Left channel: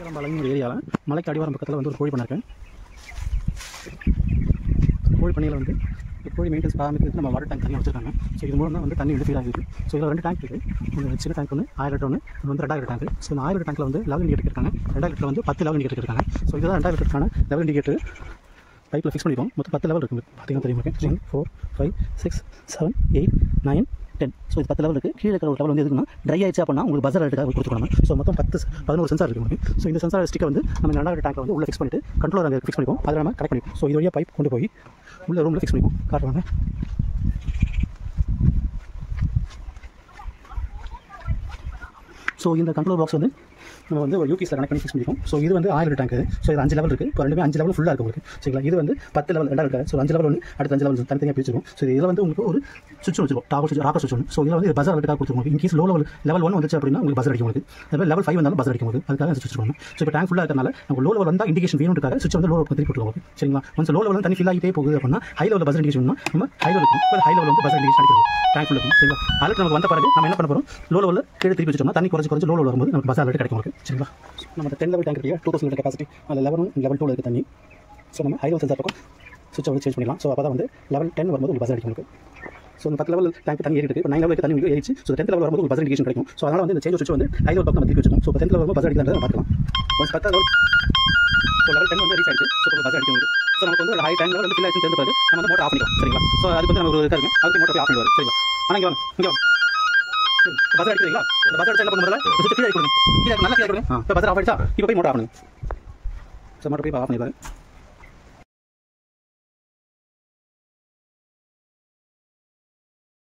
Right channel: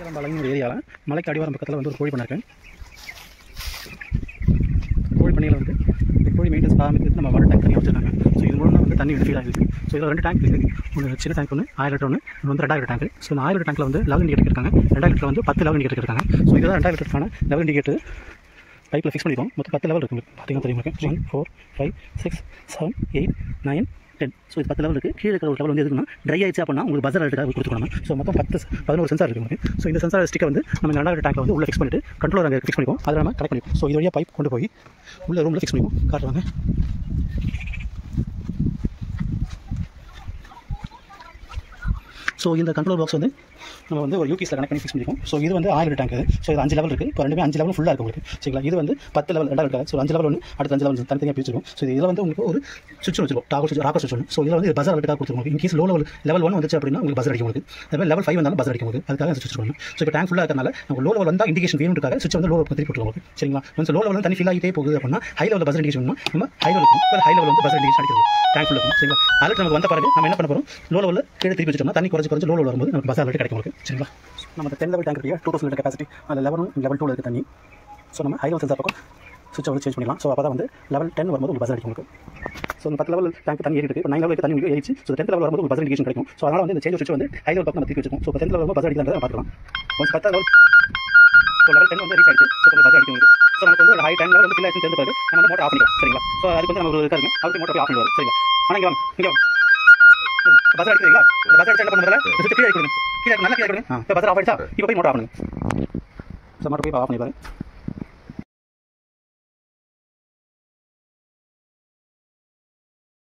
ஈரம்பாளையம் ஒரு ஏரியாவில் மலைக்கு அடிவாரம் பக்கத்தில் வந்து ஒரு கோழி பண்ணை இருக்குது. கோழி பண்ணையில் வந்து கோழி மெயின்டென்ஸ் ஆரம்பிக்கிறது நம்ம வாட்டர் டேங்க் தனியாக வச்சுருக்காங்க. ஸோ இது மூலம் தான் வந்து தண்ணி ஃபீல் ஆகிருக்கு. ஸோ இதில் 2 டேங்க் இருக்குது. ஒரு சின்ன டேங்க் ஒன்று 1000 லிட்டர் ஒன்று, இது வந்து 2000 டேங்க். ஸோ இந்த 1000 டேங்க்கில் வந்து லெவல் இண்டிகேட்டர் இருக்காங்க. 2000 லிட்டர் வந்து 10 லெவல் இண்டிகேட்டர் இருக்காங்க. ஸோ இதுதான் 2000 லிட்டருக்கான லெவல் இண்டிகேட்டர் பைப்பில் ஃபிக்ஸ் பண்ணிடுவோம். மொத்தம் 10 லெவல் இருக்குது. பார்த்தீங்கன்னா தெரியும். 1 4 5 6 7 8 9 10. ஸோ இது 10 லெவல் இருக்குது. கீழே இருக்கிற ஒரு லெவல் வந்து எதுக்குன்னா ட்ரை ஆயிடுச்சு அப்படின்னா உங்களுக்கு பஸர் அலர்ட்டுக்காக கொடுத்துக்கணும். ஸோ மொத்தம் 11 சென்சார் இருக்குது உங்களுக்கு. ஸோ இந்த சென்சார் ஸ்டிக்கை வந்து நம்ம 2000 டேங்க்கில் வந்து உள்ள ஃபிக்ஸ் பண்ணிட்டு கண்ட்ரோலர் அங்கே ஃபிக்ஸ் பண்ணிப்போம். அதை நம்ம கனெக்ட் பண்ணிப்போம். ஸோ இது வழியாக பைப் கொண்டு போய் உள்ள ரூமில் ஃபிக்ஸ் பண்ணிப்போம். காட்டுவாங்க. ஸோ இந்த கண்ட்ரோல் பாக்ஸ் வந்து நம்ம வந்து ஒரு யூபிஎஸ்ல கனெக்ட் பண்ணி ஃபிக்ஸ் பண்ணிப்போம். ஸோ இது வந்து 1000 டேங்க். ஸோ இது 5 லெவல் இருக்குது. இப்போ ரெண்டுமே 5 லெவல் ஃபுல்லாக இருக்குது உங்களுக்கு. சரிங்களா? இது வந்து 10 லெவல் 2000 டேங்க். ஸோ 5 லெவல் ஒன்று, அடுத்து 5 லெவல் தனித்தனியாக பிரிச்சிருக்கும். ஸோ இதில் வந்து உங்களுக்கு ஒரு சுவிட்ச் வச்சிருக்கும். ராக்கர் சுவிட்ச் ஒன்று. ஸோ இதில் வந்து பஸர் அலர்ட்டுக்காக கொடுத்துருக்கோம். இன்கேஸ் லெவல் 1 வந்துச்சு அப்படின்னா உங்களுக்கு பஸர் அடிக்கும் உங்களுக்கு. அதே லெவல் 5 வந்தாலும் பஸர் அடிக்கும் உங்களுக்கு. அதுக்காக சுவிட்ச் பண்ணணும். ஸோ இப்போ டேங்க் ஃபுல்லாக இருக்கிறனால நம்ம லோ லெவல் வந்தால் இண்டிகேஷன் வேணுன்றதுக்காக சுவிட்ச் வந்து லோ லெவல் திருப்பி போட்டுருவோம். சரிங்களா? ஒன்ஸ் லோ லெவல் வந்து தண்ணி ஃபீல் ஆகிட்டே போகுது அப்படின்னா ஹை லெவல் பஸர் இண்டிகேஷன் நம்ம ஹை லெவல் இருக்கும். ஹை லெவல் வந்து பஸர் இண்டிகேஷன் அடிக்கிறது டேங்க் ஃபுல்லாக இருக்கும். சரிங்களா? அலர்ட் நமக்கு வந்த பிறகு நம்ம என்ன பண்ண போகிறோம், லோ லெவலில் கீழே திருப்பி வச்சுட்டோம்னா தண்ணி குறைஞ்சு லோ லெவல் வரும்போது நமக்கு பஸர் அலர்ட் கிடைக்கும் உங்களுக்கு. சரிங்களா? நம்ம 10 லெவல் டேங்க் இருக்கு, 2000 லிட்டர் கெப்பாசிட்டி. அதில் லெவல் 1 லெவல் 2 இருக்குது தண்ணி. ஸோ நம்ம ஹை லெவல் சென்சார் பக்கம் சுவிட்ச் வந்து சேஞ்ச் பண்ணிடலாம். ஸோ அப்போ தான் வந்து லெவல் 10 வரும்போது உங்களுக்கு பஸர் அடிக்கும் உங்களுக்கு. ஸோ இந்த 10 லெவல் டேங்க் தண்ணி ஏறிட்டு இப்போ 9 லெவலுக்கு தண்ணி ஏறிச்சு. ஸோ 10th லெவல் வரும்போது ஒரு பஸர் இண்டிகேஷன் கிடைக்கும். ஸோ அதனால் வந்து இந்த சேஞ்ச் சுவிட்ச் வந்து ஹை லெவல் பக்கம் நம்ம திருப்பி வச்சுக்கோம். ஸோ 10th லெவல் பஸர் அடிக்கிறத பார்க்கலாம். ஒன்ஸ் 10 லெவல் ஸோ லெவல் 10 வந்து ரீச் ஆகிடுச்சு. ஸோ பஸர் அடிக்கும் உங்களுக்கு. ஸோ நமக்கு வந்து ஹை டைம் லெவல் வந்து ஃபில் ஆயிடுச்சு தெரிஞ்ச பிறகு நம்ம வந்து மோட்டர் ஆஃப் பண்ணிடுவோம். சரிங்களா? ஸோ அதுக்கு வந்து நம்ம ஒரு இருக்காங்க அதுக்கு மோட்டர் ஆஃப் பண்ணிடுவார். சரிங்களா? ஆனால் இங்கே வாங்க பஸர் அடிக்கிறீங்களா? இந்த பஸர் அடிச்சு என்ன பண்ணுறதுல கீழே கொடுங்க. கீழே நல்லா கீழே கொடுங்க. இப்போ பஸர் ஆஃப் ஆயிடுச்சா? இப்போ போய் மோட்டர் ஆஃப் பண்ணுங்க. ஸோ மோட்டர் போய் ஆஃப் பண்ணிடுவாரு.